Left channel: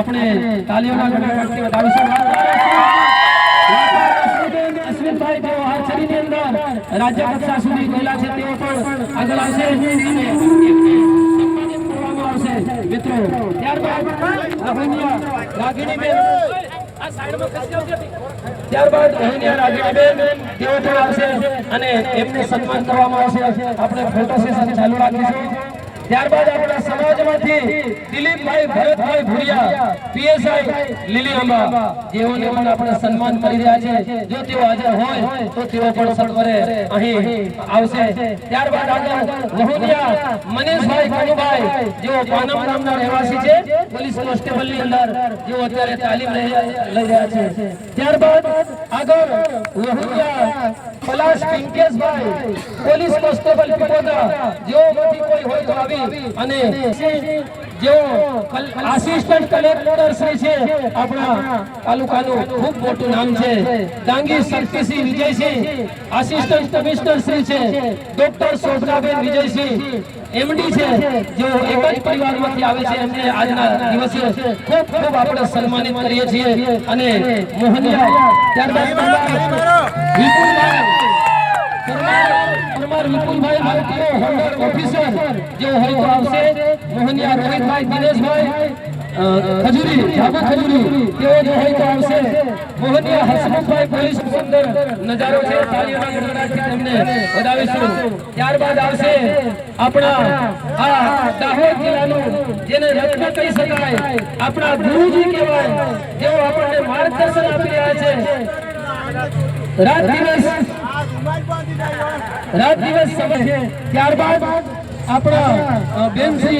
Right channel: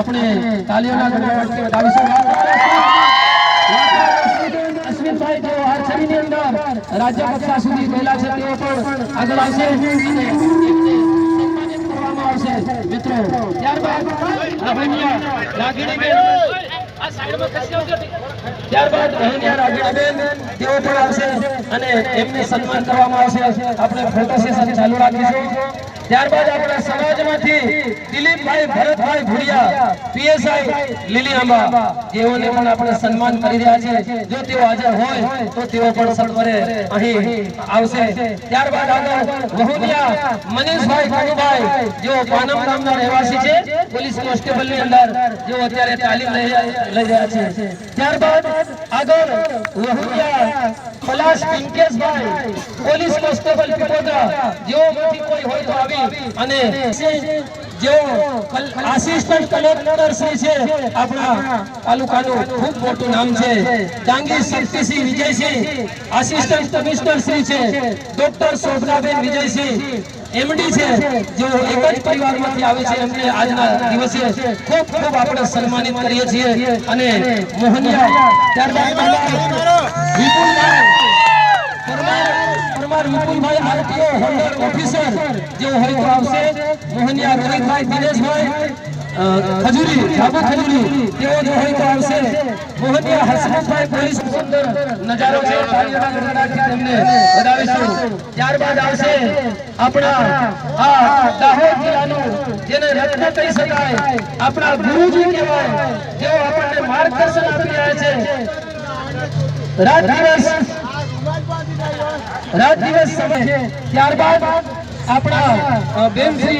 આપણે તાલીઓના ગણગણાટથી વધાવીશું। અશ્વિનભાઈ જો આર્ચરીની અંદર રાજ્ય કક્ષા સુધી ગયેલા છે તેઓ પણ આગળ આવશે અને એમને સન્માનિત કરવામાં આવશે મિત્રો। ત્યારબાદ રહીનિયા રાગીણીબેન આ સાઈડમાં ખસી આવજો। ત્યારબાદ રહીનિયા રાગીણીબેન તેઓ પણ આવશે અને એમને સન્માન કરવામાં આવશે। આપણે ફોટો સેશન ચાલુ રાખીશું। ત્યારબાદ આપણે સમાજમાંથી દિલીપભાઈ ભરતભાઈ ભુરિયા પીએસઆઈ લીલીઆંબા જેઓને પણ આપણે સન્માન કરી રહ્યા છે। જો તેઓ હાજર હોય તો તેઓ પણ સત્વરે અહીં આવશે। ત્યારબાદ આગળ વહુનિયા મનીષભાઈ કાનુભાઈ જેઓ પાનમ ગામના રહેવાસી છે, પોલીસ કોન્સ્ટેબલની અંદર જેઓ અત્યારે તાલીમ લઈ રહ્યા છે। ત્યારબાદ આગળ વહુનિયા પલાશ પિંકેશભાઈ પોલીસ કોન્સ્ટેબલ પીપોદરા જેઓમાંથી કોઈ હોય તો આવી અને जो आसिस्टंट कलेक्टर श्री છે આપણા તાલુકાનું ખૂબ મોટું નામ છે ડાંગી શક્તિસિંહ વિજયસિંહ આસિસ્ટન્ટ કમિશનર શ્રી છે ડોક્ટર શોભનાબેન વિજયસિંહ એમડી છે જો એક જ પરિવારમાંથી આવે છે એમને આજના દિવસે ખૂબ ખૂબ આપણે સન્માનિત કરીએ છીએ અને મોહનિયા ત્યારબાદ વિપુલભાઈ આરટીઓ હોલ્ડર ઓફિસર जो है तो आपसे मोहनिया रोहितभाई दिनेशभाई खजूरी जाबू खजूरी जो है तो आपसे मोहनिया हसमुखभाई પોલીસ અંદર નજારો છે તાલીઓના ગણગણાટથી તમને વધાવીશું। ત્યારબાદ આવશે આપણા આ દાહોદ જિલ્લાનું જેને રત્ન કહી શકાય આપણા ગુરુજી કહેવાય જેઓ આપણને માર્ગદર્શન આપી રહ્યા છે। રાત દિવસ સમય છે। ત્યારબાદ આપણા બેન શ્રી